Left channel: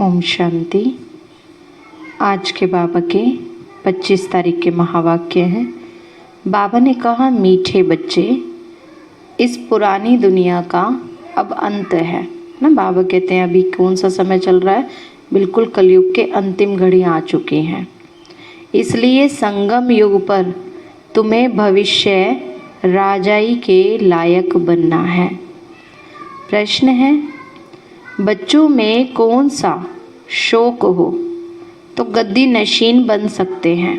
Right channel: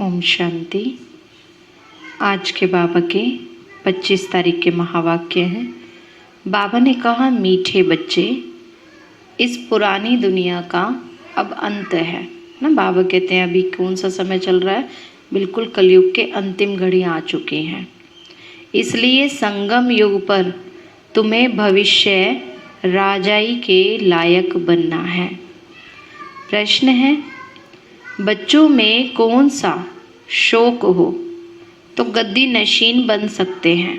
ओम शांति। आज के बाबा के 25 तारीख के महावाक्य हैं। बाबा ने कहा, मीठे बच्चे, इस पुरानी दुनिया का अब अंत है ना। बाबा कहते हैं अभी कौन सा समय चल रहा है, बिल्कुल कलयुग के अंतिम घड़ी आ चुके हैं। इसलिए संगम युग पर तुम्हें भविष्य राजाई के लायक बनना है। प्रश्न है, बच्चों में कौन सा शौक हो तो गद्दी नशीन बन सकते हैं।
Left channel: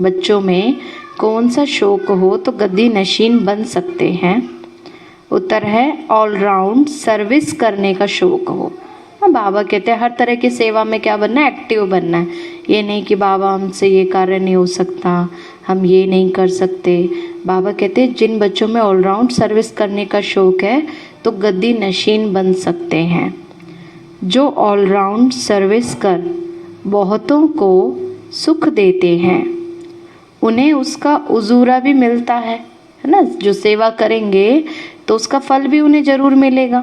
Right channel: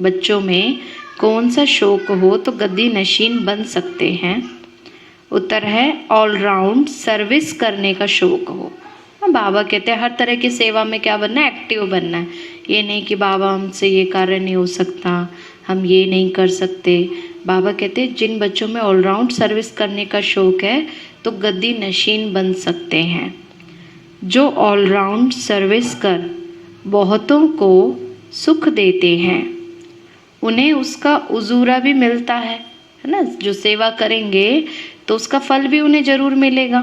बच्चों में कौन सा शौक हो तो गद्दी नशीन बन सकते हैं। उत्तर है ऑलराउंड सर्विस करने का शौक हो। बाबा कहते हैं हर तरह की सेवा में क्या बनना है, एक्टिव बनना है। ये नहीं कि बाबा हमसे ये कार्य नहीं हो सकता, हम ये नहीं कर सकते। बाबा कहते हैं जिन बच्चों में ऑलराउंड सर्विस करने का शौक है तो गद्दी नशीन बन सकते हैं। जो ऑलराउंड सर्विस कर बहुतों को सुख देते हैं उन्हें उसका उजूरा भी मिलता है ना। जो सेवा करेंगे तो उसका फल भी उन्हें जरूर मिलेगा।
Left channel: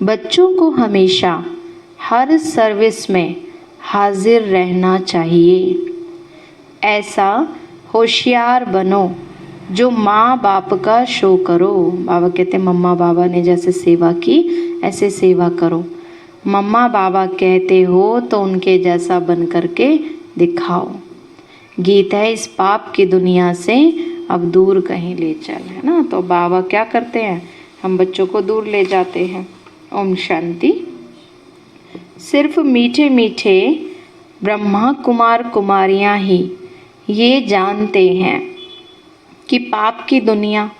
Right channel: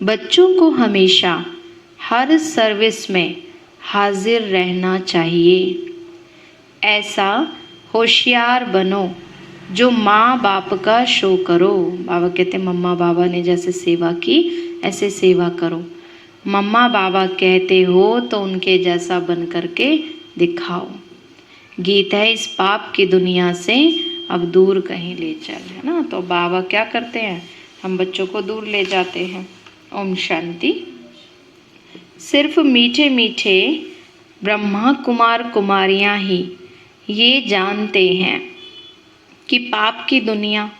बच्चों को हमेशा हर सर्विस में हाजिर रहना चाहिए। ऐसा होशियार बनो जो माँ बाप का शो करो। बाबा कहते मम्मा बाबा ने जैसे सेवा की ऐसे सेवा करो। मम्मा बाबा कहते हो तो उनके जैसा बन करके दिखाओ। गीत है इस पाप की दुनिया से अब दूर कहीं ले चल, है ना। तो बाबा क्या करते हैं, हम बच्चों को दूर ले जाते हैं। ओम शांति। सिर्फ मीठे मीठे ब्रह्मा कुमार कुमारियां ही ये जानते हैं कि पाप की दुनिया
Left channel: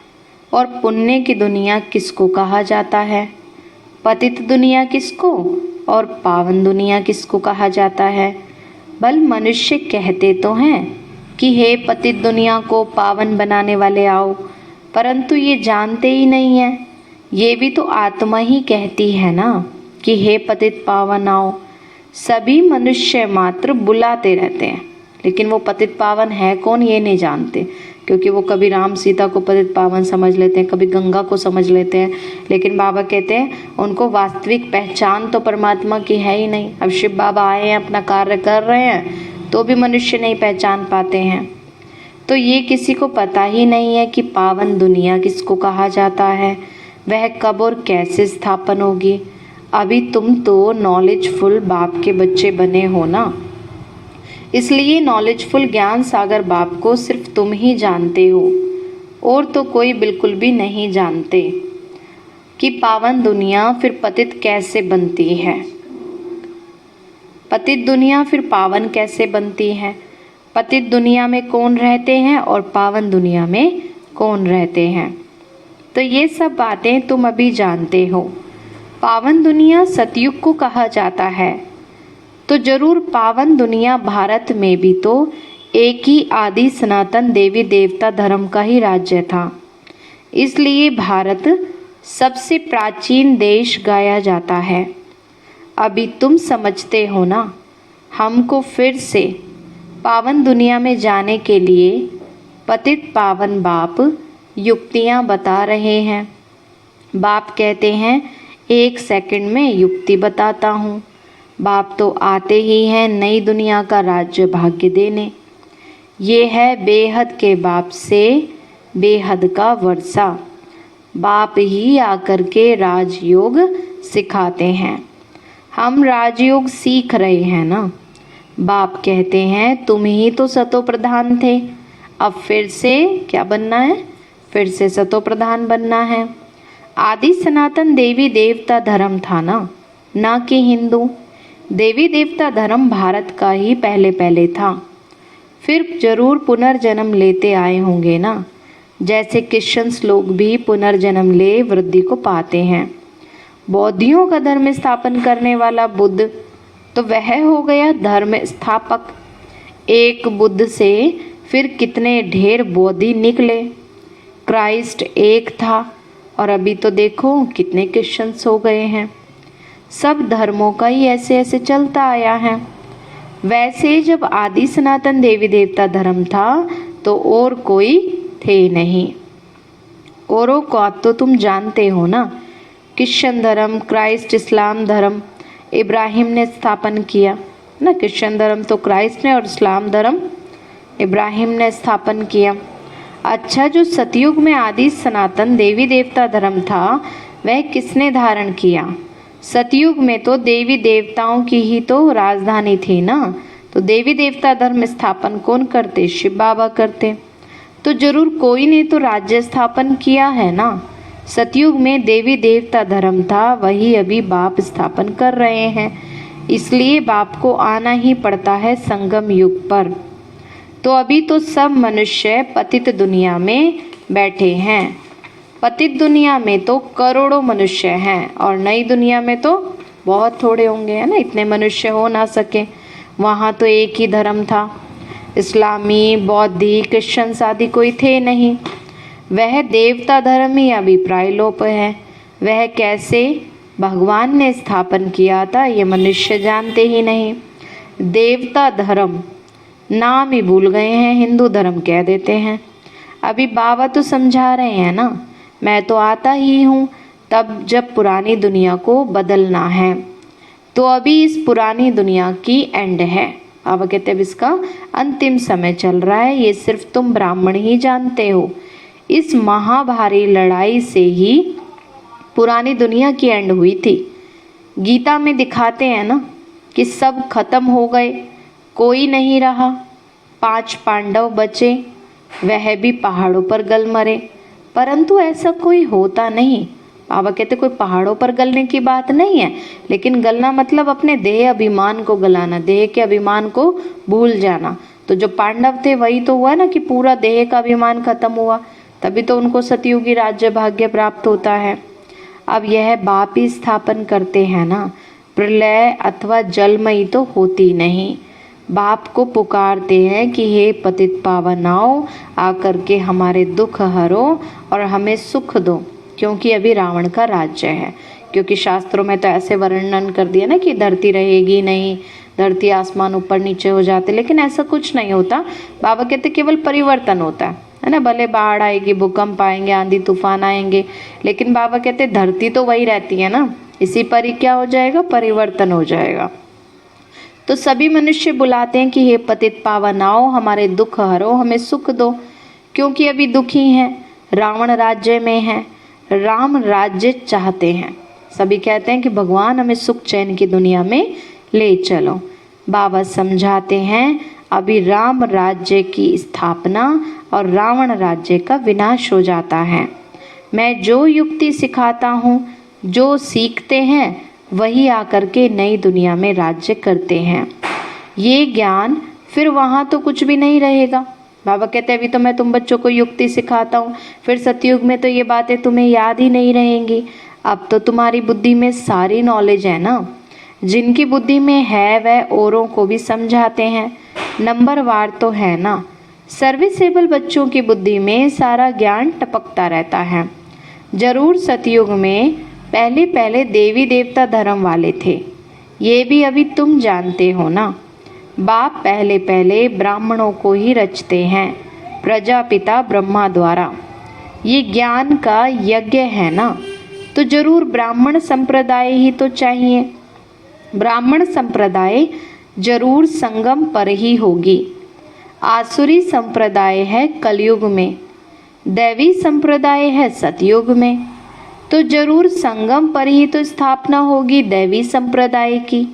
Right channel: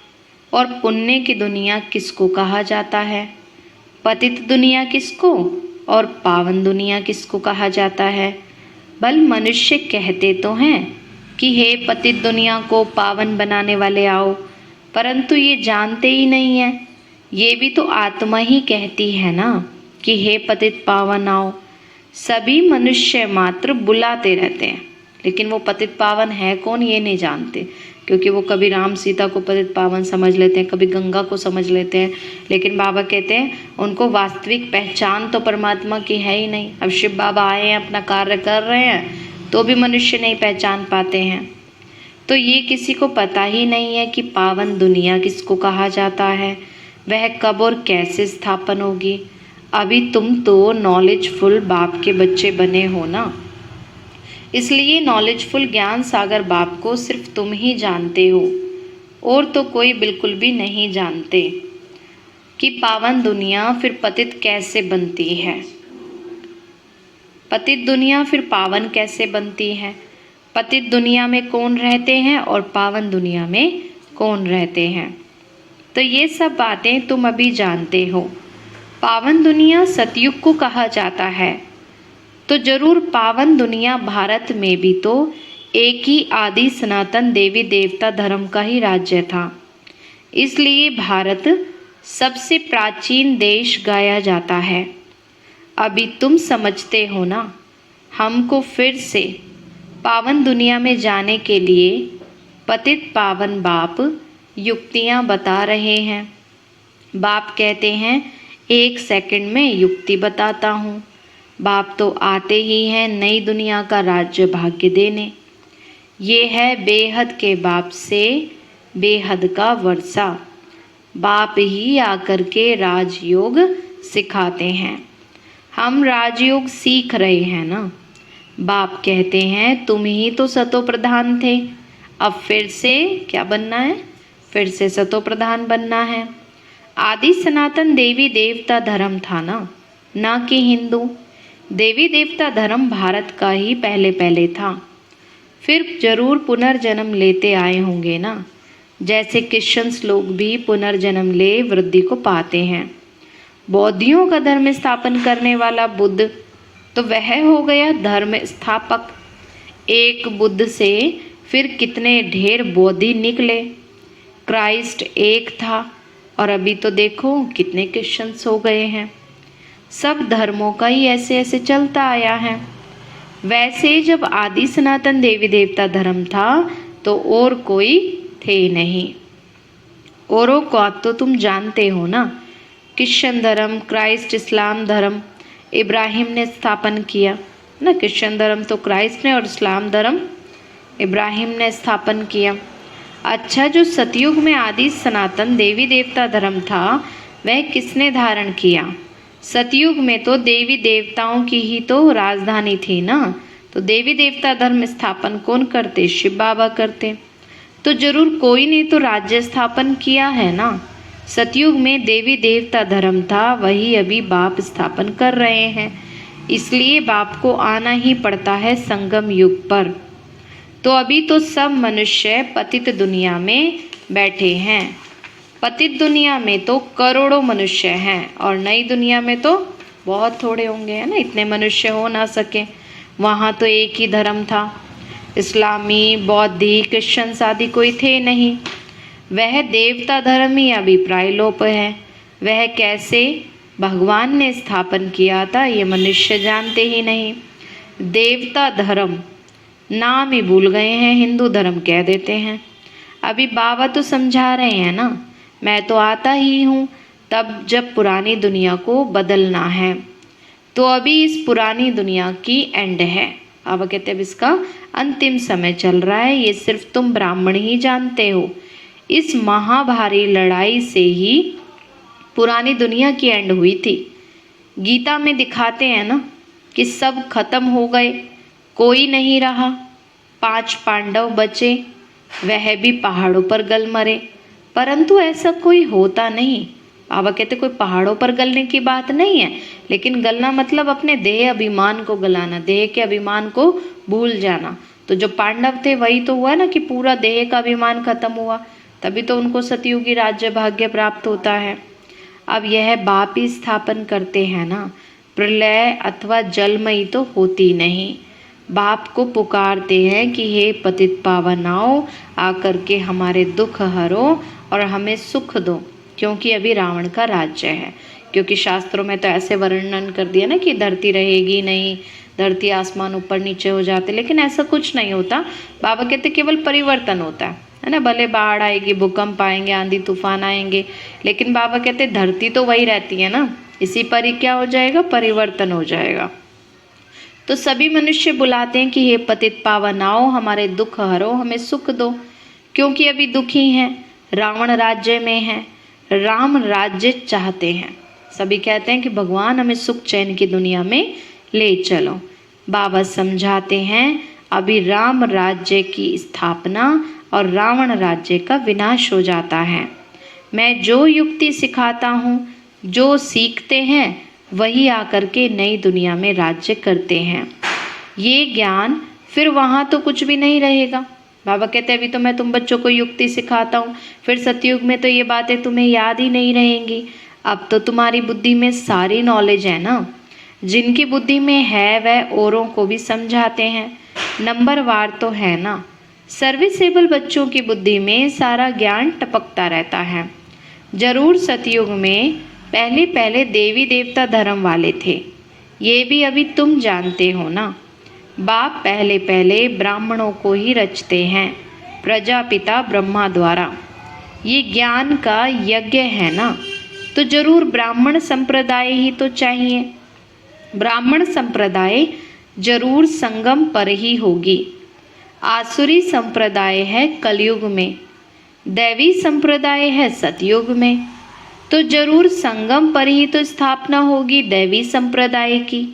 और पुण्य की दुनिया किसको कहा जाता है, पतित दुनिया किसको और पावन दुनिया किसको कहा जाता है। बल मनुष्य कहते तो हैं कि हे पतित दुनिया को पावन बनाने वाले आओ, परंतु ये जानते ही नहीं है। ये भी तो आत्मा ही कहती है ना कि हे पतित पावन आओ। सभी मनुष्य मात्र बुलाते रहते हैं, लेकिन वो पतित पावन है कौन ये नहीं जानते, क्योंकि वो कभी राम सीता को पतित पावन समझ लेते हैं, कभी गंगा को समझ लेते हैं। लेकिन बाबा कहते हैं उनको वास्तविक पहचान तो परमात्मा की है ही नहीं। अब शिव बाबा आए हैं, अपना कार्य कर रहे हैं, तो भी मनुष्य नहीं पहचान पाते हैं। तो ये किसी को पता ही नहीं है कि पावन दुनिया किसको कहा जाता है, वह कब और कैसे स्थापन होगी। अभी तुम तो नॉलेजफुल बाप के बच्चे बने हो ना, इसलिए नॉलेजफुल ज्ञान सागर बाप को सिर्फ तुम ही जानते हो और तो कोई बिल्कुल भी नहीं जानते कि पावन दुनिया फिर पतित कैसे बनती है, पतित दुनिया फिर पावन कैसे बनती है, पतित दुनिया में कौन रहते हैं और पावन दुनिया में कौन रहते हैं। तो ये सब बातें तुम अभी जानते हो। पावन दुनिया सतयुग को कहा जाता है, तो जरूर पावन दुनिया भारत में भी तो एक ही आदि सनातन देवी देवता धर्म का ही राज्य था। इसलिए भारत सबसे प्राचीन देश गाया जाता है। अभी तुम समझते हो ना, हमको फिर से पावन दुनिया में जाने के लिए पतित पावन बाप युक्तियाँ बता रहे हैं। बाप कहते हैं 1 सेकंड में युक्ति बताता हूँ। बाप तो आते ही हैं नई दुनिया का राज्य भाग्य देने। ये है बेहद के बाप से बेहद का वर्षा। बाप ही आकर के राजयोग सिखाते हैं। हम राजयोग सीख रहे हैं ना। बाप कहते हैं तुम ही तो सतो प्रधान थे, अब फिर से क्या बनना है, फिर से सतो प्रधान बनना है। आदि सनातन देवी देवता धर्म था ना कि हिंदू। देवी देवता धर्म भारत का ही पहले था, फिर जरूर पुनर्जन्म लेते आए होंगे ना। जैसे क्रिश्चियंस लोग भी पुनर्जन्म ले वृद्धि को पाते हैं। बौद्धियों का धर्म स्थापन करने वाला बुद्ध तो वह हो गया धर्म स्थापक। एक बुद्ध से फिर कितने ढेर बौद्धि निकले। क्राइस्ट एक था और अभी तो देखो कितने क्रिश्चियंस हो गए हैं। सब धर्मों का ही ऐसे ऐसे चलता आया है। वैसे जब आदि सनातन देवी देवता धर्म था तो और कोई थे नहीं। औरों को तो तुम जानते हो ना, क्रिश्चियन धर्म, क्राइस्ट, इस्लाम धर्म, इब्राहिम ने स्थापन किया ना। क्रिश्चियन धर्म तो क्राइस्ट ने और इस्लाम धर्म इब्राहिम ने स्थापन किया। अच्छा, जो सतयुग में आदि सनातन देवी देवता धर्म था वह किसने धारण किया? सतयुग में तो देवी देवताओं की ही तो राजधानी थी ना। तो देवी देवता धर्म स्थापन कौन करते? शिव बाबा करते। तो जरूर कोई ने तो राज्य स्थापन किया है ना। सतयुग में देवी देवता धर्म था, वही अभी बाप स्थापन कर रहे हैं, इसलिए बाप को आना ही पड़ता है संगम युग पर। तो अभी तो सब मनुष्य पतित दुनिया में बैठे हैं। पतित दुनिया में तो करोड़ों मनुष्य हैं और नई दुनिया में तो बहुत थोड़े होंगे, है ना, इतने मनुष्य हो ना सके। वहाँ तो एक ही धर्म था, इस्लामी, बौद्धी, क्रिश्चियन आदि कोई थे नहीं। वह देवता धर्म ही अभी प्रायलोप है। वह कैसे भगवान ने स्थापन किया था ये मनुष्य जानते ही नहीं। देवता धर्म नाम ही भूल गए हैं, हिंदू धर्म कह देते हैं। अभी बाबा तो समझा रहे हैं ना, मैं तो आता ही हूँ तब जब पुरानी दुनिया को बदलना है। तो अभी इस पुरानी दुनिया की एंड है। बाबा कहते अब इसका अंतिम समय चल रहा है, ये सिर्फ तुम ब्राह्मण ही जानते हो। इस महाभारी लड़ाई से ही पुरानी दुनिया की एंड हुई थी। गीता में दिखाते हैं ना कि सब खत्म हो गए, कोई नहीं रहा, 5 पांडव बचे, वह भी पहाड़ों पर गल मरे। परंतु ऐसा कोई होता नहीं। बाबा कहते कोई पहाड़ों पर गलने की बात नहीं है, लेकिन गलना मतलब अपने देह अभिमान को गलाना, देह के अभिमान को भूल जाना। तो जो पांडव थे वही तो हुआ ना कि पूरा देह का अभिमान खत्म हुआ, तभी तो उनको सतयुगी राज्य भाग्य प्राप्त होता है। अब यह बाप ही स्थापन करते हैं ना, प्रलय अथवा जलमयी तो होती नहीं। बाप को पुकारते हैं कि हे पतित पावन आओ, आकर के हमारे दुख हरो और हमें सुख दो, क्योंकि अभी रावण का राज्य है। क्योंकि शास्त्रों में तो ऐसे वर्णन कर दिया ना कि धरती रहेगी नहीं, धरती आसमान ऊपर नीचे हो जाते, लेकिन ऐसा कुछ नहीं होता। बाबा कहते केवल परिवर्तन होता है ना। भले बाढ़ आएगी, भूकंप आएंगे, आंधी तूफान आएंगे, लेकिन बाबा कहते धरती तो वही रहती है ना, इसी पर ही क्या हो जाएगा, परिवर्तन हो जाएगा। तो सभी मनुष्य बुलाते हैं कि हे पतित पावन आओ, हमारे दुख हरो, हमें सुख दो, क्योंकि अभी दुखी हैं, रावण राज्य में है, राम राज्य चाहते हैं। सभी कहते हैं कि भगवान हमें सुख चैन की दुनिया में ले चलो। बाबा समझाते हैं अभी राम राज्य की स्थापना और रावण राज्य का विनाश हो जाता है। मैं जो युक्ति सिखाता हूँ, जो सीखते हैं वही आकर के नई दुनिया में राज्य करते हैं। ये ज्ञान फिर वहाँ तो कुछ भी नहीं रहेगा। बाबा कहते हैं अभी तो मैं तुम बच्चों को युक्ति सिखाता हूँ, फिर सतयुग में तो ये बातें तुम्हें याद ही नहीं रहेंगी। अब तो तुम्हारी बुद्धि में सारी नॉलेज है ना। जिनकी बुद्धि में है वह औरों को भी समझाते हैं, नंबरवार तो है ना। सर्विसेबल बच्चों की बुद्धि में सारा ज्ञान टपकता रहता है। जरूर सतयुग में पहले पहले देवी देवता धर्म वाले थे, ये भी अभी तुम जानते हो ना। बाप पहले पहले ब्राह्मणों को ही रचते हैं, प्रजापिता ब्रह्मा द्वारा। ये ज्ञान का यज्ञ है ना, तो जरूर ब्राह्मण संप्रदाय ही तो चाहिए। ब्राह्मण संप्रदाय जरूर संगम पर ही होगी। आसुरी संप्रदाय है कलयुग में, दैवी संप्रदाय है सतयुग में, तो जरूर संगम पर ही तो स्थापना होगी दैवी संप्रदाय की।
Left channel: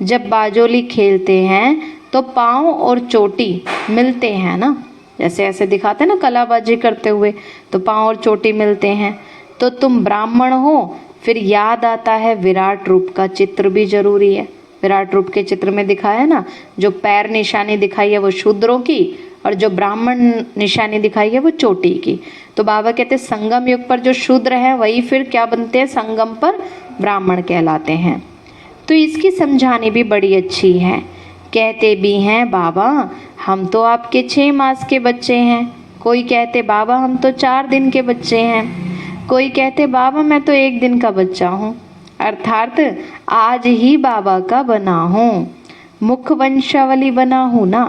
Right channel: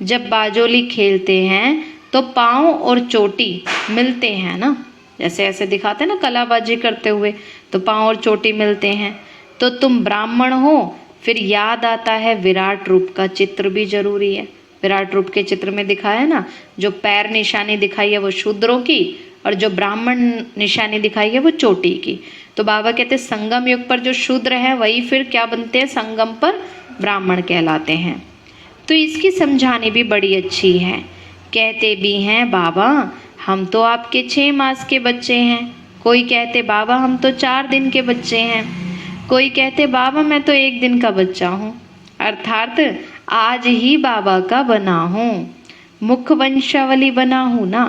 जब बाजोली खेलते हैं तो पाँव और चोटी मिलते हैं ना, जैसे ऐसे दिखाते हैं ना कलाबाजी करते हुए, तो पाँव और चोटी मिलते हैं। तो तुम ब्राह्मण हो, फिर याद आता है विराट रूप का चित्र भी जरूरी है। विराट रूप के चित्र में दिखाया है ना, जो पैर निशानी दिखाई है वो शूद्रों की, और जो ब्राह्मण निशानी दिखाई है वो चोटी की। तो बाबा कहते हैं संगम युग पर जो शूद्र है वही फिर क्या बनते हैं, संगम पर ब्राह्मण कहलाते हैं। तो इसकी समझानी भी बड़ी अच्छी है। कहते भी हैं बाबा हम तो आपके 6 मास के बच्चे हैं, कोई कहते बाबा हम तो 4 दिन के बच्चे हैं, कोई कहते बाबा मैं तो 1 दिन का बच्चा हूँ, अर्थात आज ही बाबा का बना हूँ, मुख वंशावली बना हूँ ना।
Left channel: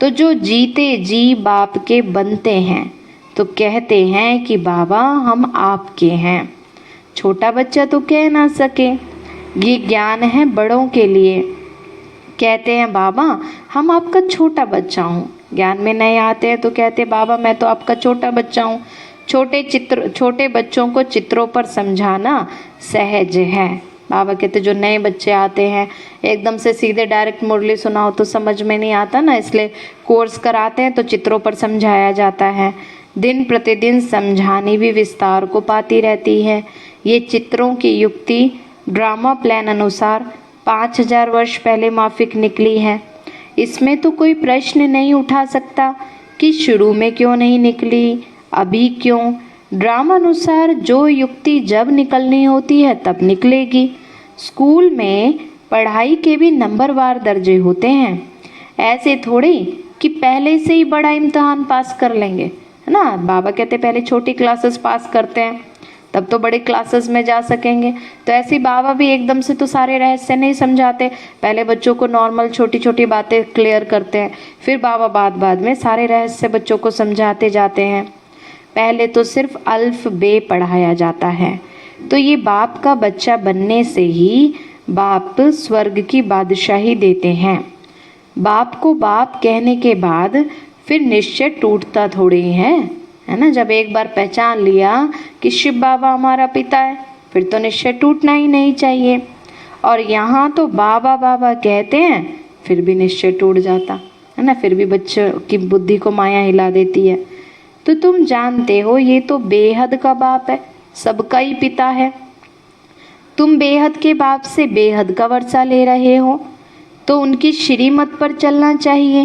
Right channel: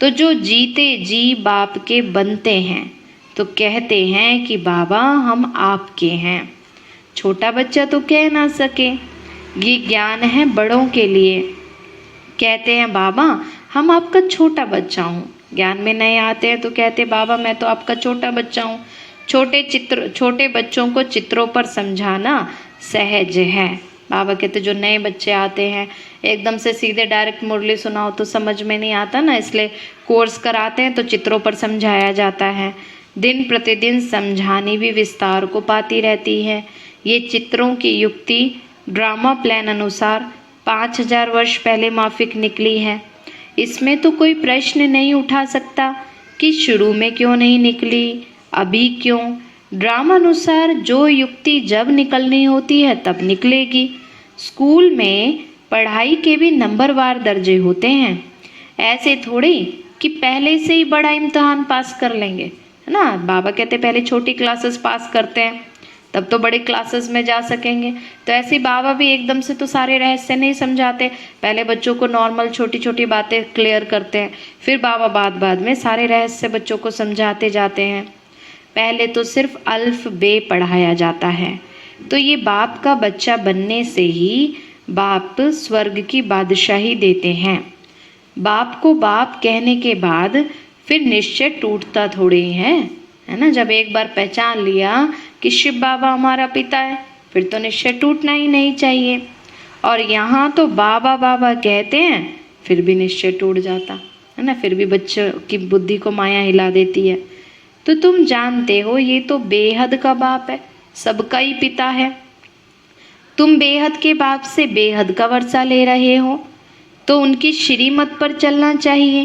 तो जो जीते जी बाप के बनते हैं तो कहते हैं कि बाबा हम आपके हैं। छोटा बच्चा तो कह ना सके, ये ज्ञान है बड़ों के लिए। कहते हैं बाबा हम आपका छोटा बच्चा हूँ। ज्ञान में नए आते हैं तो कहते बाबा मैं तो आपका छोटा बच्चा हूँ। छोटे बच्चों को चित्रों पर समझाना सहज है। बाबा कहते जो नए बच्चे आते हैं एकदम से सीधे डायरेक्ट मुरली सुनाओ तो समझ में नहीं आता ना, इसलिए कोर्स कराते हैं तो चित्रों पर समझाया जाता है। दिन प्रतिदिन समझानी भी विस्तार को पाती रहती है। ये चित्रों की युक्ति ड्रामा प्लान अनुसार 5000 वर्ष पहले माफिक निकली है। इसमें तो कोई प्रश्न नहीं उठा सकता कि शुरू में क्यों नहीं निकली, अभी क्यों। ड्रामा अनुसार जो युक्ति जब निकलनी होती है तब निकलेगी। स्कूल में पढ़ाई के भी नंबरवार दर्जे होते हैं, ऐसे थोड़ी कि पहले से ही बड़ा इम्तिहान पास कर लेंगे, है ना। बाबा कहते पहले छोटी क्लासेस पास करते हैं तब तो बड़े क्लासेस में जा सकेंगे। तो ऐसे बाबा भी एकदम से तो सारे रहस्य नहीं समझाते, पहले बच्चों को नॉर्मल छोटी छोटी बातें क्लियर करते हैं, फिर बाबा बाद में सारे रहस्य बच्चों को समझाते जाते हैं। पहले तो सिर्फ अल्फ बे पढ़ाया जाता है। तो ये बाप का बच्चा बनने से ही बाप स्वर्ग की बादशाही देते हैं। बाप को बाप कहने के बाद फिर निश्चय टूटता थोड़ी है ना। जब एक बार पहचान लिया कि शिव बाबा हमारा पिता है फिर तो निश्चय टूटना ही नहीं चाहिए। और यहाँ तो बाबा बाबा कहते हैं फिर भी निश्चय टूट जाता है ना, फिर भी बच्चों की बुद्धि को माया हिला देती है। तो तुम जानते हो ये तो बेहद का बाप है, सबका ही पिता है। तुम बेहद के बाप से बेहद का वर्षा ले रहे हो तो उनकी श्रीमत पर चलना चाहिए।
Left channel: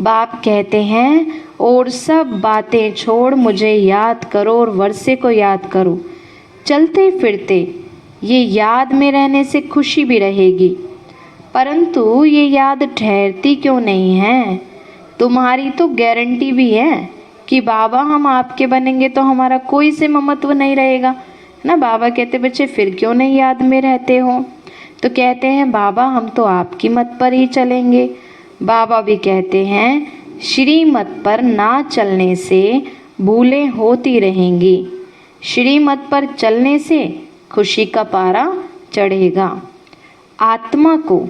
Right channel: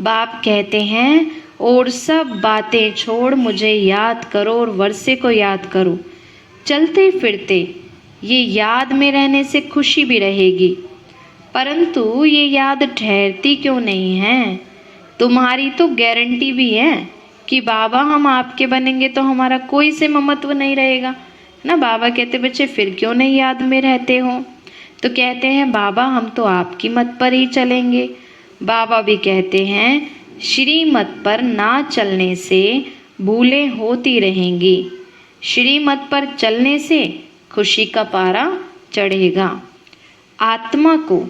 बाप कहते हैं और सब बातें छोड़ मुझे याद करो और वर्षे को याद करो। चलते फिरते ये याद में रहने से खुशी भी रहेगी, परंतु ये याद ठहरती क्यों नहीं है। तुम्हारी तो गारंटी भी है कि बाबा हम आपके बनेंगे तो हमारा कोई से ममत्व नहीं रहेगा ना। बाबा कहते बच्चे फिर क्यों नहीं याद में रहते हो। तो कहते हैं बाबा हम तो आपकी मत पर ही चलेंगे। बाबा भी कहते हैं श्रीमत पर ना चलने से भूलें होती रहेंगी, श्रीमत पर चलने से खुशी का पारा चढ़ेगा। आत्मा को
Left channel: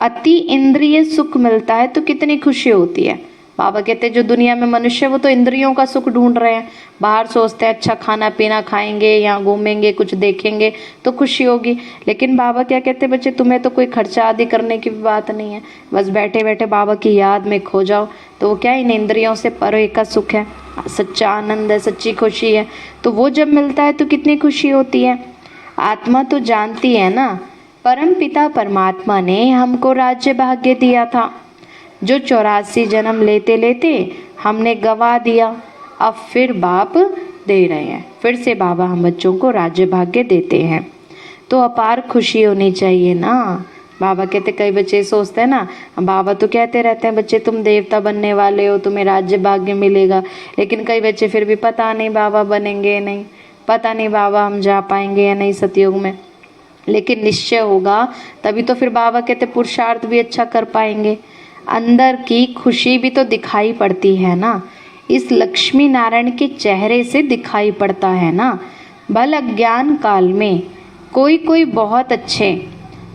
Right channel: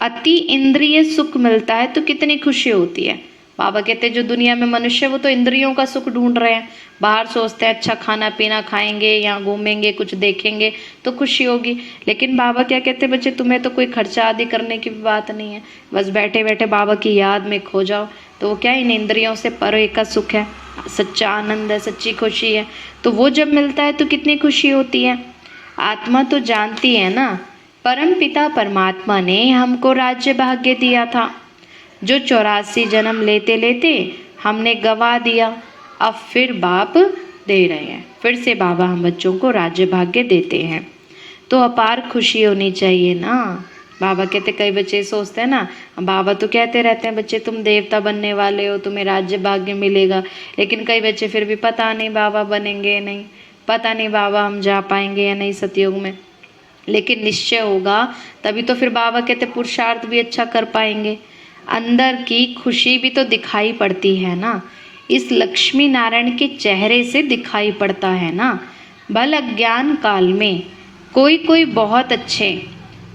अति इंद्रिय सुख मिलता है तो कितनी खुशी होती है। बाबा कहते हैं जो दुनिया में मनुष्य वो तो इंद्रियों का सुख ढूंढ रहे हैं, बाहर सोचते हैं अच्छा खाना पीना खाएंगे, यहाँ घूमेंगे, कुछ देखेंगे तो खुशी होगी। लेकिन बाबा क्या कहते हैं बच्चे तुम्हें तो कोई खर्चा आदि करने की बात नहीं है, बस बैठे बैठे बाबा की याद में खो जाओ तो वो क्या इन इंद्रियों से परे का सुख है, सच्चा आनंद है, सच्ची खुशी है। तो वो जब मिलता है तो कितनी खुशी होती है। आत्मा तो जानती है ना परम पिता परमात्मा ने हमको राज्य भाग्य दिया था जो 84 जन्म लेते लेते हमने गवा दिया, अब फिर बाप दे रहे हैं, फिर से बाबा हम बच्चों को राज्य भाग्य देते हैं। तो अपार खुशी होनी चाहिए ना। बाबा कहते कई बच्चे सोचते हैं ना बाबा तो कहते रहते हैं बच्चे तुम देवता बनने वाले हो तुम्हें राज्य भाग्य मिलेगा, लेकिन कई बच्चे फिर भी पता नहीं बाबा बनेंगे या नहीं, पता नहीं बाबा हम जा पाएंगे या नहीं सतयुग में। लेकिन निश्चय होगा तभी तो फिर बाबा कहते पुरुषार्थ भी अच्छा कर पाएंगे। अंदर की खुशी भी तो दिखाई पड़ती है ना, इस लक्ष्मी नारायण के चेहरे से दिखाई पड़ता है ना। भल अज्ञान काल में कोई कोई बहुत अच्छे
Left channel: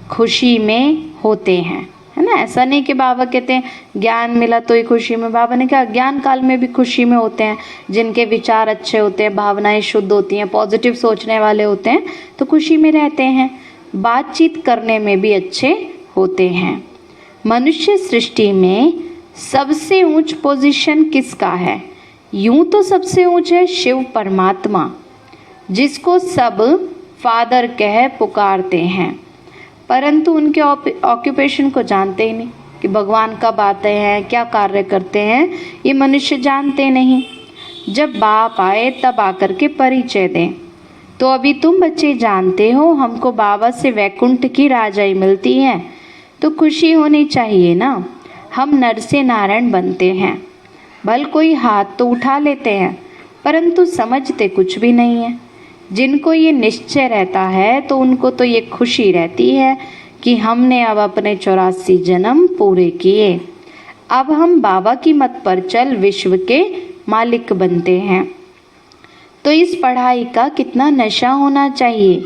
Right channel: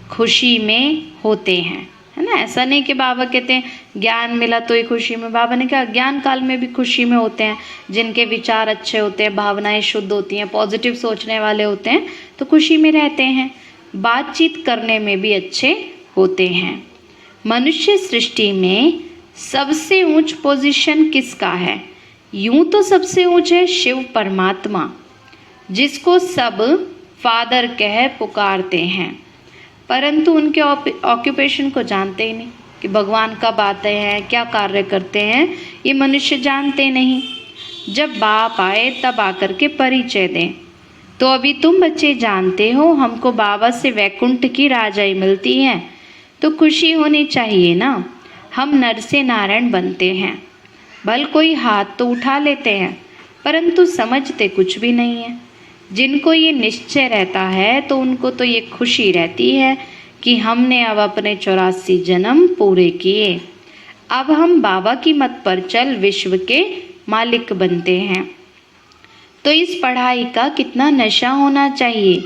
खुशी में होते हैं, है ना। ऐसा नहीं कि बाबा कहते हैं ज्ञान मिला तो ही खुशी में, बाबा ने कहा ज्ञान काल में भी खुशी में होते हैं। जिनके विचार अच्छे होते हैं, भावनाएं शुद्ध होती हैं, पॉजिटिव सोचने वाले होते हैं तो खुशी में रहते हैं। बातचीत करने में भी अच्छे होते हैं। मनुष्य सृष्टि में सबसे ऊंच पोजीशन किसका है। यूं तो सबसे ऊंच है शिव परमात्मा जिसको सब फादर कह पुकारते हैं, परंतु उनके ऑक्यूपेशन को जानते ही नहीं कि भगवान कब आते हैं, क्या कार्य करते हैं, ये मनुष्य जानते नहीं। जब बाप आए तब आकर के परिचय दें। तो अभी तुम बच्चे जानते हो हमको बाबा से वैकुंठ की राजाई मिलती है तो खुशी होनी चाहिए ना। हम नर से नारायण बनते हैं, भल कोई हाथ तो उठा लेते हैं परंतु समझते कुछ भी नहीं है। जिनको ये निश्चय रहता है तो उनको तो ये खुशी रहती है कि हमने अब अपने 84 जन्म पूरे किए, अब हम बाबा की मत पर चल विश्व के मालिक बनते हैं। तो इस पढ़ाई का कितना नशा होना चाहिए।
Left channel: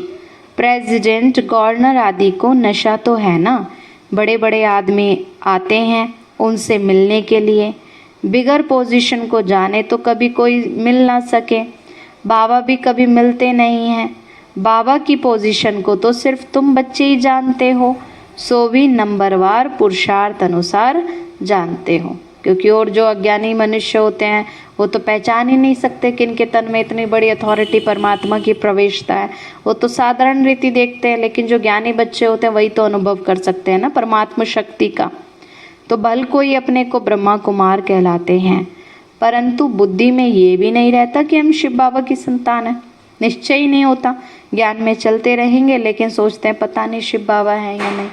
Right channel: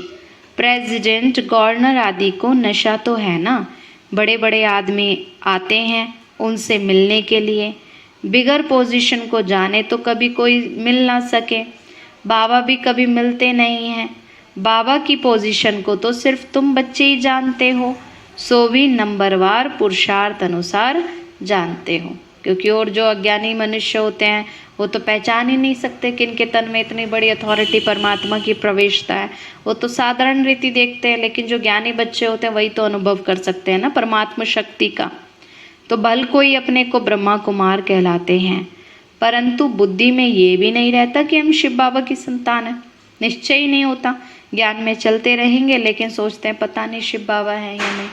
प्रेसिडेंट, गवर्नर आदि को नशा तो है ना। बड़े बड़े आदमी आते हैं उनसे मिलने के लिए, बिगर पोजीशन को जाने तो कभी कोई मिल ना सके। बाबा भी कभी मिलते नहीं हैं। बाबा की पोजीशन को तो सिर्फ तुम बच्चे ही जानते हो, सो भी नंबरवार पुरुषार्थ अनुसार जानते हो। क्योंकि और जो अज्ञानी मनुष्य होते हैं वो तो पहचान ही नहीं सकते कि इनके तन में इतनी बड़ी अथॉरिटी परमात्मा की प्रवेशता है। वो तो साधारण रीति देखते हैं, लेकिन जो ज्ञानी बच्चे होते हैं वही तो अनुभव कर सकते हैं ना परमात्मा शक्ति का। तो भल कोई अपने को ब्रह्मा कुमार कहलाते हैं, परंतु बुद्धि में ये भी नहीं रहता कि हम शिव बाबा की संतान है। निश्चय ही नहीं होता। ज्ञान में चलते रहेंगे लेकिन सोचते हैं पता नहीं शिव बाबा है या नहीं।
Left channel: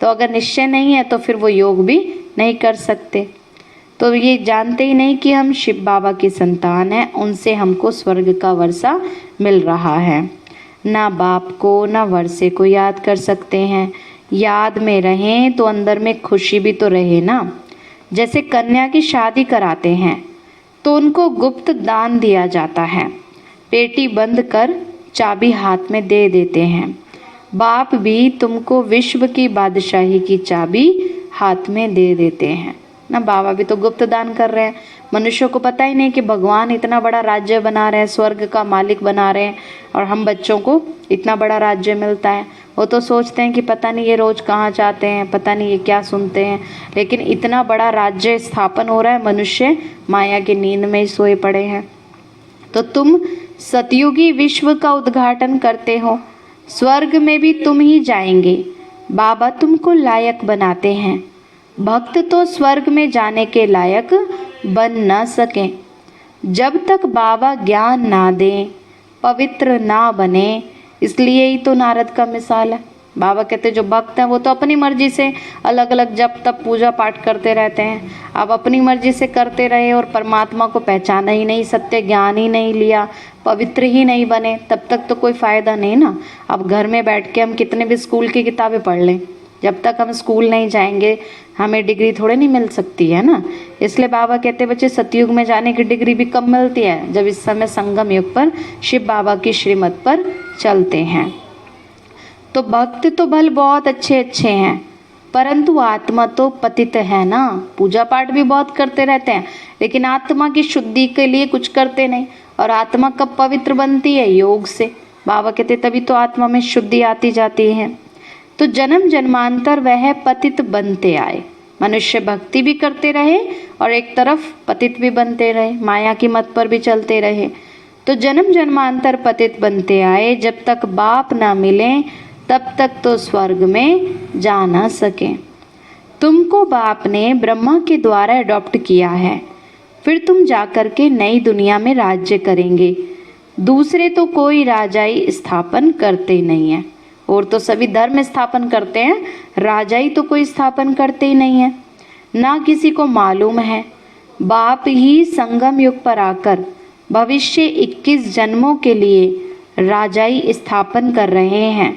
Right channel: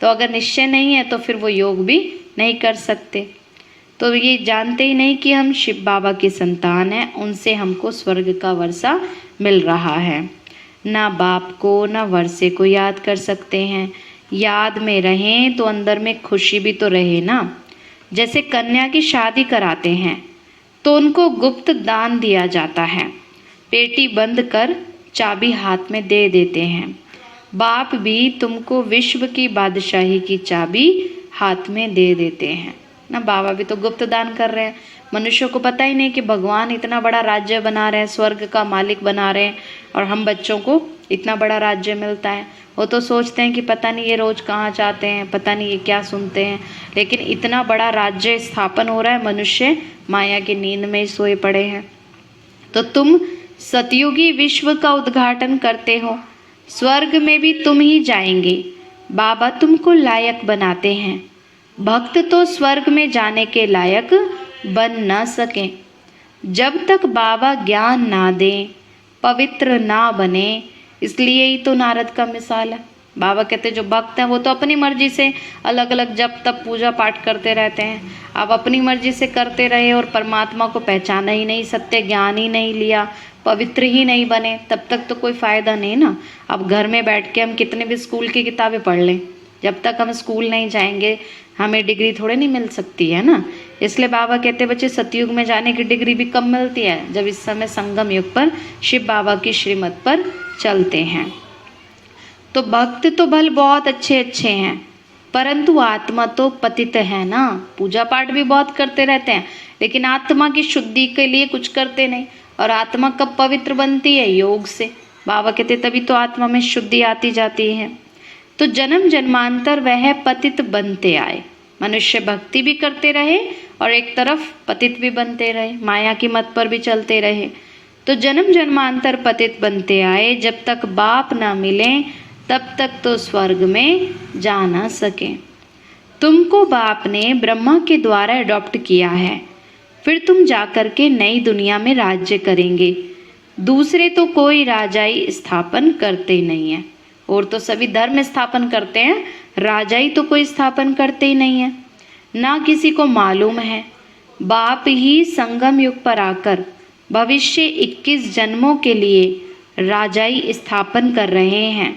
तो अगर निश्चय नहीं है तो फिर वो योग भी नहीं कर सकते। तो ये जानते ही नहीं कि हम शिव बाबा की संतान हैं, उनसे हमको स्वर्ग का वर्षा मिल रहा है। ना बाप को ना वर्षे को याद कर सकते हैं। याद में रहें तो अंदर में खुशी भी तो रहे ना। जैसे कन्या की शादी कराते हैं तो उनको गुप्त दान दिया जाता है, पेटी बंद कर चाबी हाथ में दे देते हैं। बाप भी तुमको विश्व की बादशाही की चाबी हाथ में दे देते हैं ना। बाबा भी तो गुप्त दान कर रहे हैं। मनुष्यों को पता ही नहीं कि भगवान इतना बड़ा राज्य बना रहे हैं, स्वर्ग का मालिक बना रहे हैं, और हम बच्चों को इतना बड़ा राज्य मिलता है। वो तो सोचते हैं कि पता नहीं ये रोज कहाँ जाते हैं, पता नहीं ये क्या सुनते हैं। लेकिन इतना बड़ा राज्य स्थापन हो रहा है, मनुष्य माया की नींद में ही सोए पड़े हैं। तो तुम सतयुगी विश्व का उद्घाटन करते हो, स्वर्ग में भी तुम ही जाएंगे। बाबा तुमको लायक बनाते हैं। भक्त तो स्वर्ग में जाने के लायक बन न सके जब तक बाबा ज्ञान ना दें, पवित्र ना बने। इसलिए ही तो नारद का मिसाल है। बाबा कहते जो भक्त हैं वो तो अपनी मर्जी से अलग अलग जब तब पूजा पाठ करते रहते हैं। अब अपनी मर्जी से करते रहे और परमात्मा को पहचाना ही नहीं, सत्य ज्ञान ही नहीं लिया, पवित्र ही नहीं बने, तब तक तो कोई फायदा नहीं ना। अब घर में बैठ के हम कितने भी स्कूल की किताबें पढ़ लें, जब तक हम स्कूल नहीं जाएंगे हमें डिग्री थोड़े नहीं मिल सकती है ना। इसलिए बाबा कहते बच्चे सतयुग में जाने की डिग्री भी कब मिलती है, जब इस समय संगम युग पर शिव बाबा की श्रीमत पर चलते हैं। तो भक्त तो भल बहुत अच्छे अच्छे हैं, परंतु आत्मा तो पतित है ना। पूजा पाठ भी बहुत करते रहते हैं लेकिन आत्मा की शुद्धि के लिए कुछ करते नहीं। और आत्मा कब पवित्र बनती है? योग से। बाबा कहते तभी तो आत्मा में शुद्धि आती जाती है। तो जन्म जन्मांतर वह पतित बनते आए। मनुष्य भक्ति भी करते रहे और एक तरफ पतित भी बनते रहे, माया की मत पर भी चलते रहे। तो जन्म जन्मांतर पतित बनते आए। जब तक बाप ना मिले तब तक तो स्वर्ग में जा ना सके। तुमको बाप ने ब्रह्मा के द्वारा अडॉप्ट किया है, फिर तुम जाकर के नई दुनिया में राज्य करेंगे। दूसरे तो कोई राजाई स्थापन करते नहीं है, और तो सभी धर्म स्थापन करते हैं, राजाई तो कोई स्थापन करते ही नहीं है। ना किसी को मालूम है। बाप ही संगम युग पर आकर भविष्य 21 जन्मों के लिए राजाई स्थापन कर रहे हैं,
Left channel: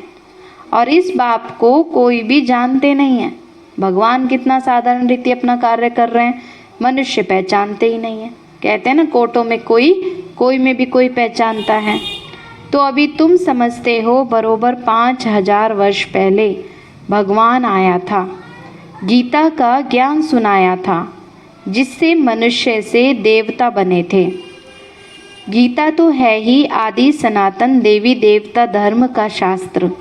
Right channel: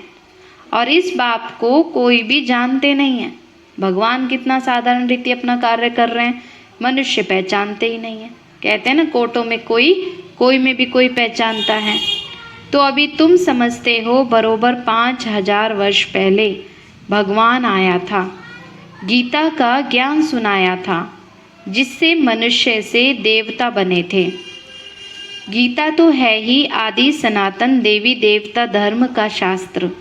और इस बाप को कोई भी जानते नहीं है। भगवान कितना साधारण रीति अपना कार्य कर रहे हैं, मनुष्य पहचानते ही नहीं है। कहते हैं ना कोटों में कोई में भी कोई पहचानता है। तो अभी तुम समझते हो बरोबर 5000 वर्ष पहले भगवान आया था, गीता का ज्ञान सुनाया था, जिससे मनुष्य से देवता बने थे। गीता तो है ही आदि सनातन देवी देवता धर्म का शास्त्र।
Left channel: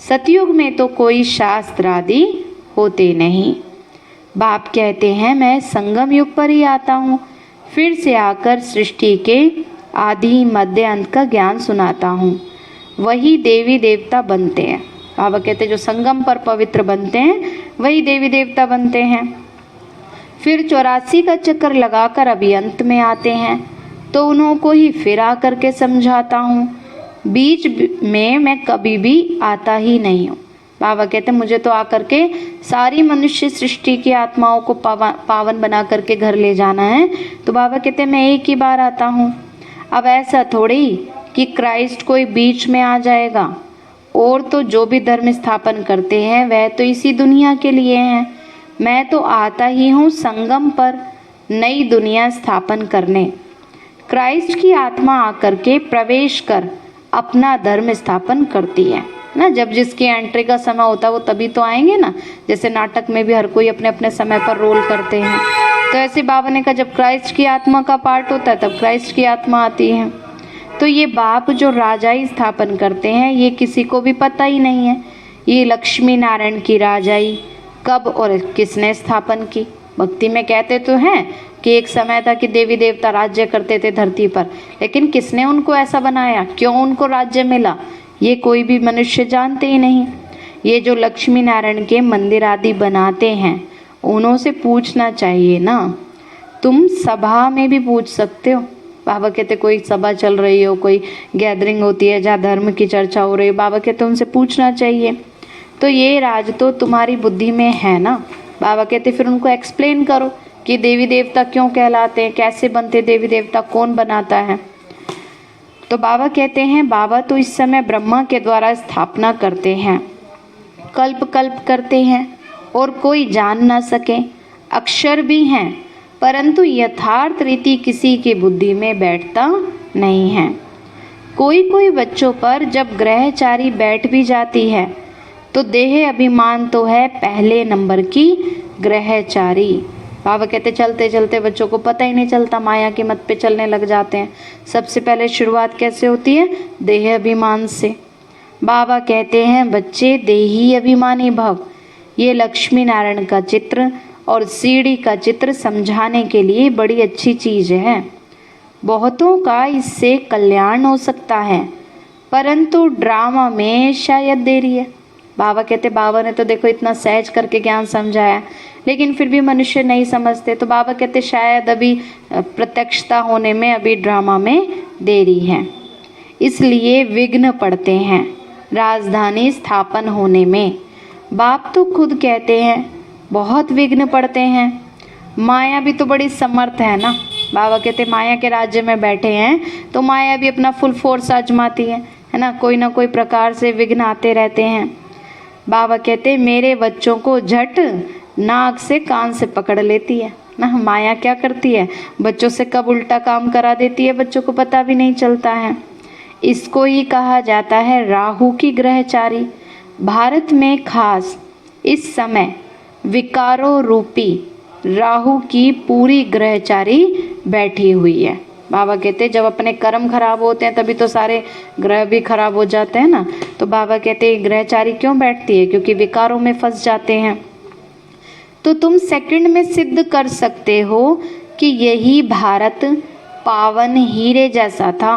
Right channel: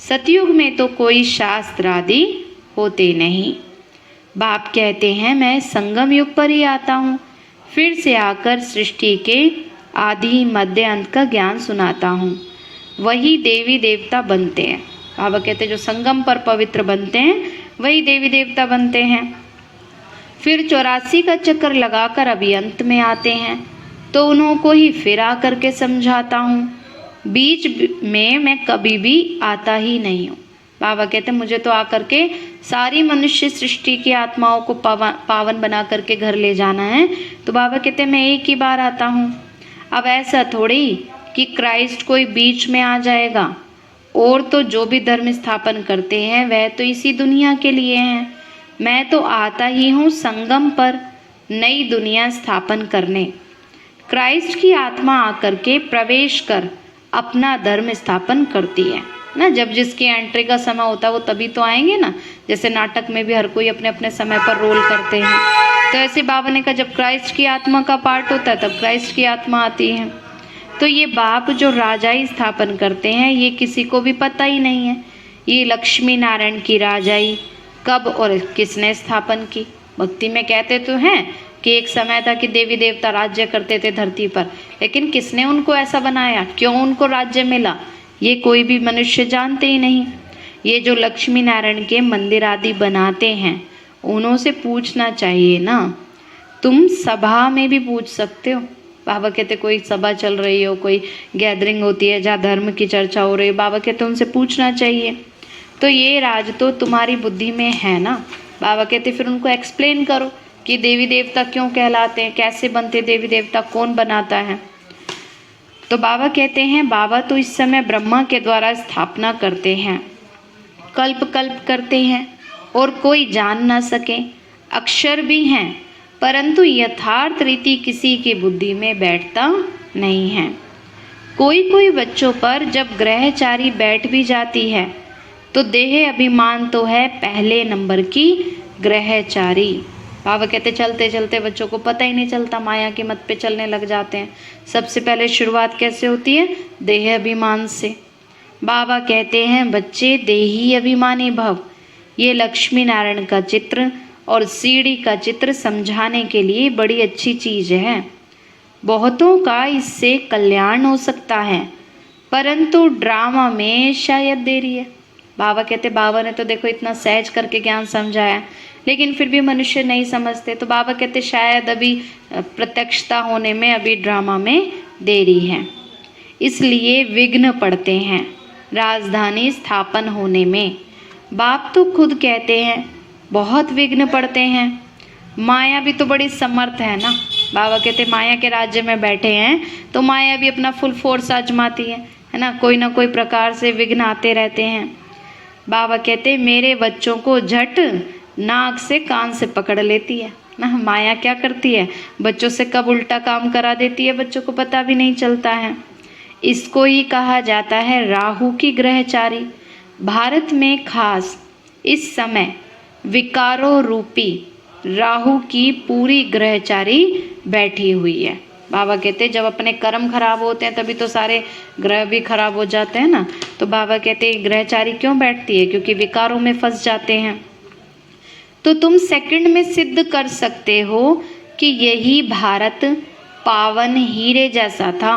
सतयुग में तो कोई शास्त्र आदि होते नहीं। बाप कहते हैं मैं संगम युग पर ही आता हूँ, फिर से आकर सृष्टि के आदि मध्य अंत का ज्ञान सुनाता हूँ। वही देवी देवता बनते हैं। बाबा कहते जो संगम पर पवित्र बनते हैं वही देवी देवता बनते हैं। फिर 84 का चक्कर लगाकर अभी अंत में आते हैं, तो उन्हों को ही फिर आकर के समझाता हूँ। बीच में मैं कभी भी आता ही नहीं हूँ। बाबा कहते मुझे तो आकर के सारी मनुष्य सृष्टि की आत्माओं को पावन बना करके घर ले जाना है। तो बाबा कहते मैं एक ही बार आता हूँ। अब ऐसा थोड़ी कि क्राइस्ट कोई बीच में आ जाएगा, और तो जो भी धर्म स्थापन करते हैं वह तो इसी दुनिया के लिए हैं। मैं तो आता ही हूँ संगम पर नई दुनिया स्थापन करने। क्राइस्ट की आत्मा आकर के प्रवेश कर अपना धर्म स्थापन करती है ना। जब जिसकी एंट्री का समय होता है वो तभी तो आएंगे ना। जैसे नाटक में भी हर कोई अपने अपने समय पर रोल करते हैं, तो ऐसे बाबा ने कहा जब क्राइस्ट की आत्मा का पार्ट होता है तब क्राइस्ट की आत्मा आती है। तो ये बाप जो राजाई स्थापन करते हैं ये किसी को भी पता ही नहीं है। ये लक्ष्मी नारायण की राजाई कब और किसने स्थापन की। भक्ति में कहते तो हैं कि एक समय था कि देवी देवता राज्य करते थे धरती पर, लेकिन किसने उनको ऐसा बनाया, क्यों उनको राज्य मिला, ये कोई भी मनुष्य जानते ही नहीं। ये जो लक्ष्मी नारायण के मंदिर आदि बनाते हैं उन्हों से पूछना चाहिए ना। तुम सभा में भी पूछ सकते हो। बाबा कहते कोई सभा चल रही हो, कोई गैदरिंग होती है जहाँ धर्म की चर्चा हो रही है, बाबा कहते उनसे पूछना चाहिए। तो ये राज तो तुम्हारी बुद्धि में है ना। बाबा कहते फिर उनको एक्सप्लेन करो कि देवी देवता क्यों कहलाते हैं, कैसे बनते देवी देवता, कौन बनाता है। तो बाबा कहते हैं बाबा तो इस समय ब्रह्मा के द्वारा स्थापना करते हैं, कल्प कल्प करते हैं और कोई जान ना सके। अक्षर भी हैं परंतु यथार्थ रीति किसी की बुद्धि में बैठता नहीं है। कोई कोई बच्चों पर जब ग्रहचारी बैठ भी जाती है तो देह अभिमान तो है पहले नंबर की ग्रहचारी। बाबा कहते चलते चलते बच्चों को पता ही नहीं चलता, माया के मत पे चलने लग जाते हैं। सबसे पहले शुरुआत कैसे होती है, देह अभिमान से। बाबा कहते हैं बच्चे देही अभिमानी भव। ये लक्ष्मी नारायण का चित्र और सीढ़ी का चित्र समझाने के लिए बड़ी अच्छी चीज है। बहुतों का इससे कल्याण हो सकता है परंतु ड्रामा में शायद देरी है। बाबा कहते बाबा ने तो देखो इतना सहज करके ज्ञान समझाया लेकिन फिर भी मनुष्य नहीं समझते। तो बाबा कहते शायद अभी प्रत्यक्षता होने में अभी ड्रामा में देरी है, इसलिए विघ्न पड़ते हैं राजधानी स्थापन होने में। बाप तो खुद कहते हैं बहुत विघ्न पड़ते हैं। माया भी तो बड़ी समर्थ है ना। बाबा कहते माया के राज्य में बैठे हैं तो माया भी अपना फुल फोर्स आजमाती है ना। कोई ना कोई प्रकार से विघ्न आते रहते हैं। बाबा कहते मेरे बच्चों को झट नाक से कान से पकड़ लेती है ना। माया क्या करती है, बच्चों से कब उल्टा काम करा देती है बच्चों को पता भी नहीं चलता है। इसको ही कहा जाता है राहु की ग्रहचारी। भारत में खास इस समय विकारों रूपी राहु की पूरी ग्रहचारी बैठी हुई है। बाबा कहते जब अपने कर्म खराब होते हैं तभी तो सारे ग्रह भी खराब हो जाते हैं ना। तो बाबा कहते ग्रहचारी क्यों बैठती है, क्योंकि विकारों में फंस जाते हैं। तो तुम सेकंड में सिद्ध कर सकते हो कि यही भारत पावन हीरे जैसा था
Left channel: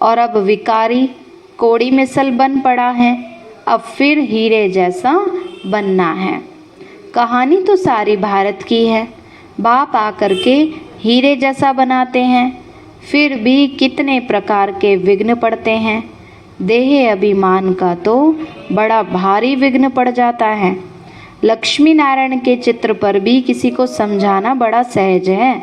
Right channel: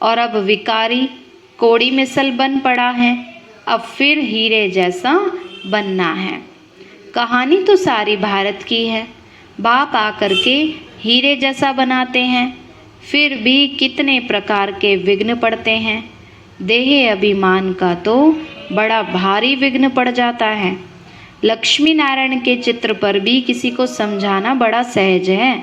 और अब विकारी कोड़ी मिसल बन पड़ा है, अब फिर हीरे जैसा बनना है। कहानी तो सारी भारत की है। बाप आकर के हीरे जैसा बनाते हैं, फिर भी कितने प्रकार के विघ्न पड़ते हैं। देह अभिमान का तो बड़ा भारी विघ्न पड़ जाता है। लक्ष्मी नारायण के चित्र पर भी किसी को समझाना बड़ा सहज है।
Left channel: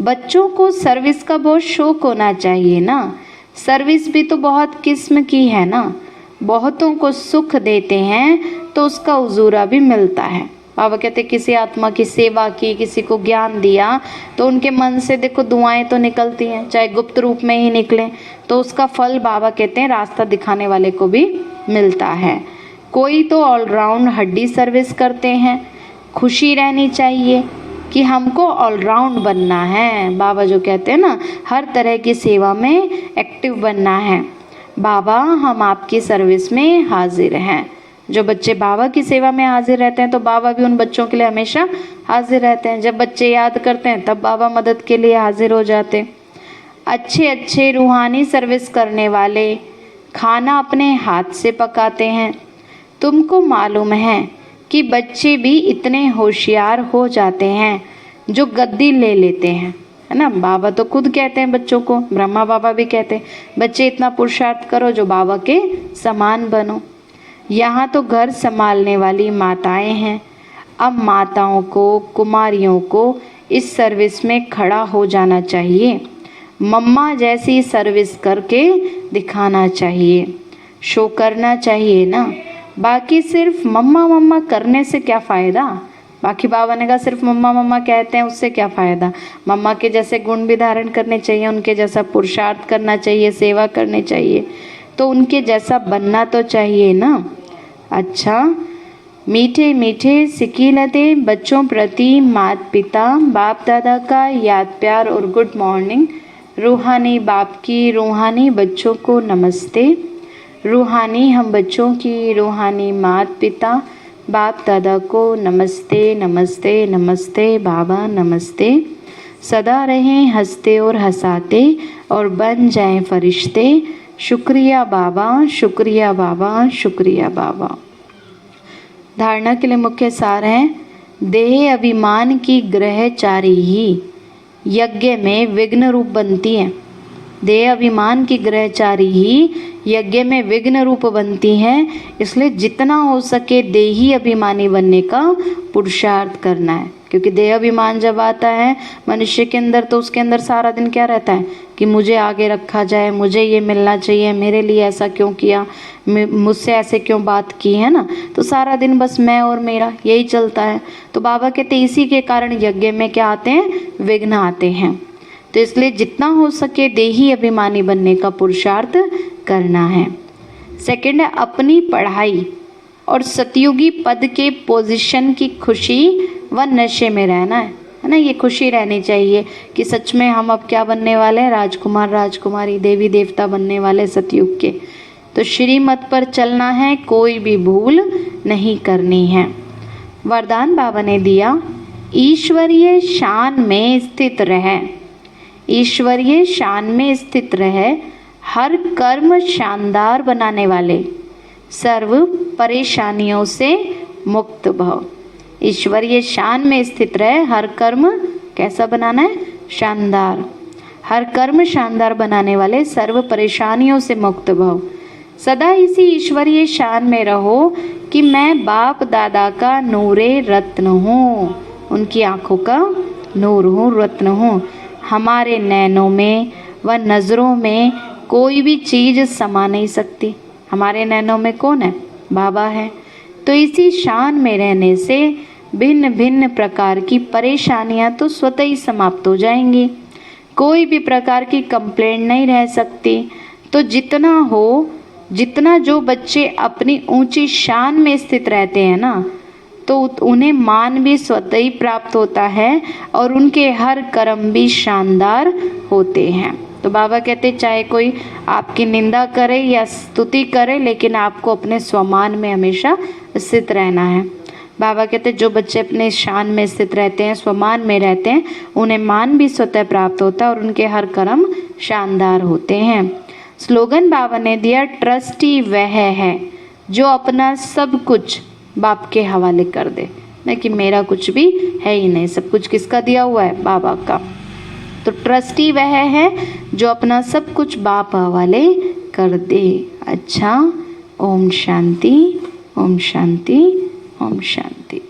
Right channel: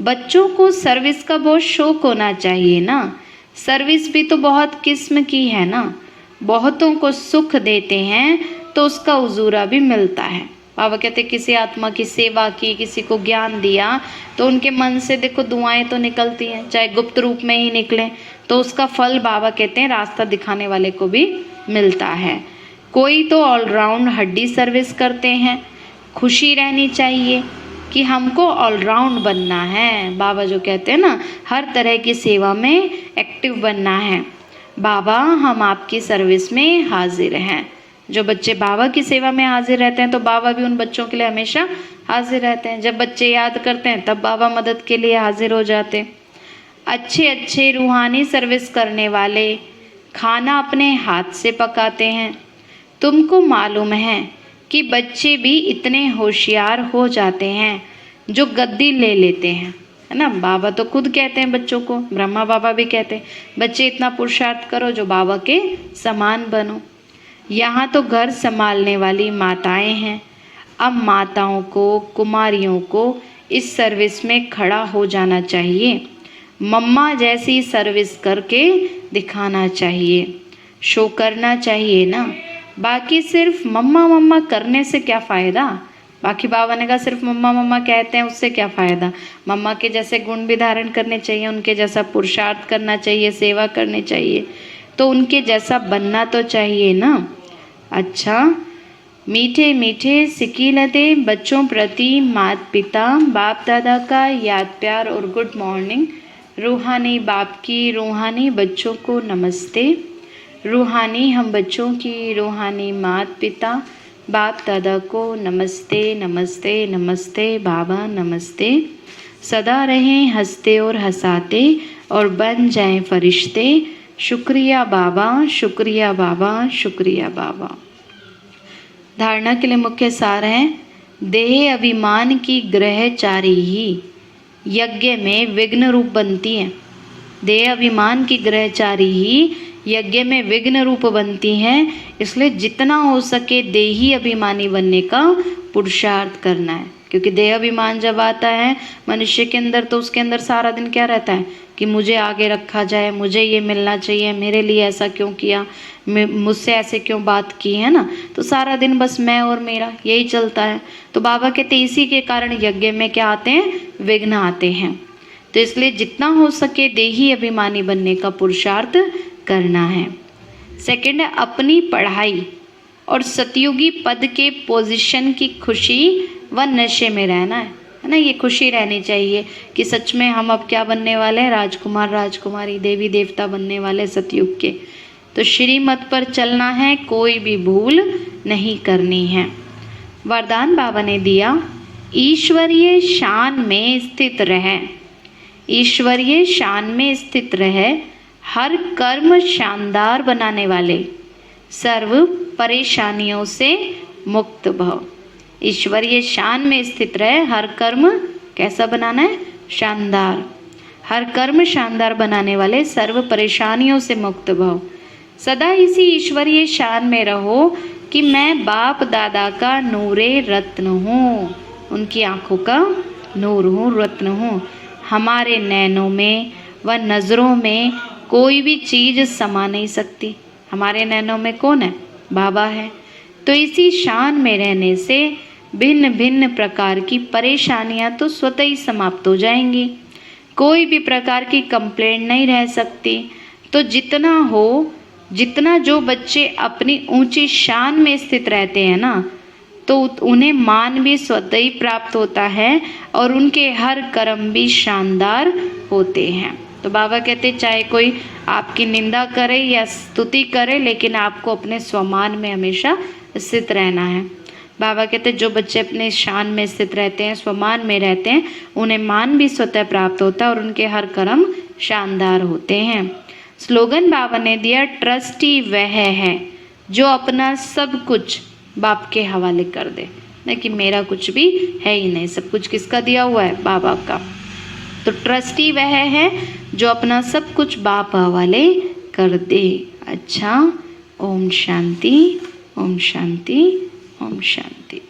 बच्चों को सर्विस का बहुत शौक होना चाहिए ना। सर्विस भी तो बहुत किस्म की है ना। बहुतों को सुख देते हैं तो उसका उजूरा भी मिलता है। बाबा कहते किसी आत्मा की सेवा की, किसी को ज्ञान दिया तो उनके मन से देखो दुआएं तो निकलती हैं, चाहे गुप्त रूप में ही निकलें, तो उसका फल बाबा कहते हैं रास्ता दिखाने वाले को भी मिलता है। कोई तो ऑलराउंड हड्डी सर्विस करते हैं। खुशी रहनी चाहिए कि हमको ऑलराउंड बनना है। बाबा जो कहते हैं ना हर तरह की सेवा में एक्टिव बनना है। बाबा हम आपकी सर्विस में हाजिर हैं। जो बच्चे बाबा की सेवा में हाजिर रहते हैं तो बाबा भी उन बच्चों के लिए हमेशा हाजिर रहते हैं। जब बच्चे याद करते हैं तब बाबा मदद के लिए हाजिर हो जाते हैं। अच्छे अच्छे रूहानी सर्विस करने वाले खाना अपने हाथ से पकाते हैं। तुमको मालूम है कि बच्चे भी इतने होशियार हो जाते हैं जो गद्दी ले लेते हैं, है ना। बाबा तो खुद कहते हैं बच्चों को, ब्रह्मा बाबा भी कहते हैं बच्चे इतना पुरुषार्थ करो जो बाबा के समान बनो। यहाँ तो घर संभालने वाली माताएं हैं। अब माताओं को, कुमारियों को इस सर्विस में खड़ा हो जाना चाहिए। मम्मा जैसी सर्विस करके दिखाना चाहिए, शो करना चाहिए ना। बाकी सिर्फ मम्मा मम्मा करने से क्या फ़ायदा। बाकी बाबा ने कहा सिर्फ मम्मा मम्मा कहते हैं उससे क्या फ़ायदा। मम्मा के जैसे गुण भी धारण करने चाहिए, उनके जैसा पुरुषार्थ करना चाहिए, सेवा करनी चाहिए। तो उनके जैसा बनना तो चाहिए ना। अच्छा, मीठे मीठे सिकीनतें बच्चों प्रति माता पिता बाप दादा का याद प्यार और गुड मॉर्निंग। रूहानी बाप की रूहानी बच्चों को नमस्ते। रूहानी हम बच्चों की रूहानी माता पिता बाप दादा को नमस्ते नमस्ते नमस्ते बाबा नमस्ते। सदा रहें हंसते और हंसाते और बन जाएं फरिश्ते। शुक्रिया बाबा, शुक्रिया बाबा, शुक्रिया बाबा। धारणा के लिए मुख्य सार है, देह अभिमान की ग्रहचारी ही यज्ञ में विघ्न रूप बनती है। देह अभिमान की ग्रहचारी ही यज्ञ में विघ्न रूप बनती हैं। इसलिए जितना हो सके देही अभिमानी बनने का पुरुषार्थ करना है, क्योंकि देह अभिमान जब आता है मनुष्य के अंदर तो उसके अंदर सारा दिन क्या रहता है कि मुझे आगे रखा जाए, मुझे ये मिलना चाहिए, मेरे लिए ऐसा क्यों किया, मुझसे ऐसे क्यों बात की, है ना। तो सारा दिन बस मैं और मेरा यही चलता है। तो बाबा कहते इसी के कारण यज्ञ में क्या आते हैं, विघ्न आते हैं। तो इसलिए जितना हो सके देही अभिमानी बनने का पुरुषार्थ करना है। सेकंड है, अपनी पढ़ाई और सतयुगी पद के पोजीशन की खुशी व नशे में रहना है ना। ये खुशी रहनी चाहिए कि सच में हम अब क्या बनने वाले हैं, राजकुमार राजकुमारी देवी देवता बनने वाले सतयुग के। तो श्रीमत पर चलना है, कोई भी भूल नहीं करनी है। वरदान बाबा ने दिया, ईश्वरीय शान में स्थित रहे। ईश्वरीय शान में स्थित रहे, हर कर्म शानदार बनाने वाले, सर्व परेशानियों से मुक्त भव। ईश्वरीय शान में स्थित रहे, हर कर्म कैसा बनाना है, शानदार। हर कर्म शानदार बनाने वाले, सर्व परेशानियों से मुक्त भव। सदा इसी ईश्वरीय शान में रहो कि मैं बाप दादा का नूरे रत्न हूँ, उनकी आंखों का नूर हूँ, रत्न हूँ। हमारे नैनों में व नज़रों में कोई भी चीज़ समा नहीं सकती। हमारे नैनों में कौन है, बाबा है। तो इसी शान में रहने से भिन्न भिन्न प्रकार की परेशानियां तो स्वतः ही समाप्त हो जाएंगी। कोई भी प्रकार की कंप्लेंट नहीं रह सकती। तो जितना हो, जितना जो बच्चे अपनी ऊंची शान में स्थित रहते हैं ना, तो उन्हें मान भी स्वतः ही प्राप्त होता है और उनके हर कर्म भी शानदार होते हैं। तो बाबा कहते चाहे कोई आपकी निंदा करे या स्तुति करे, लेकिन आपको अपने स्वमान में हमेशा स्थित रहना है। बाबा कहते जो बच्चे अपने शान में स्थित रहते हैं, स्वमान में रहते हैं, उन्हें मान भी स्वतः प्राप्त होता है और उनके हर कर्म शानदार होते हैं। स्लोगन बाबा ने दिया, ट्रस्टी वह है जो अपना सब कुछ बाप के हवाले कर दे। नहीं कि मेरा कुछ भी है ही नहीं, सब कुछ किसका दिया हुआ है, बाबा का। तो ट्रस्टी वह है जो अपना सब कुछ बाप हवाले कर दे। अच्छा, ओम शांति, ओम शांति, ओम शांति।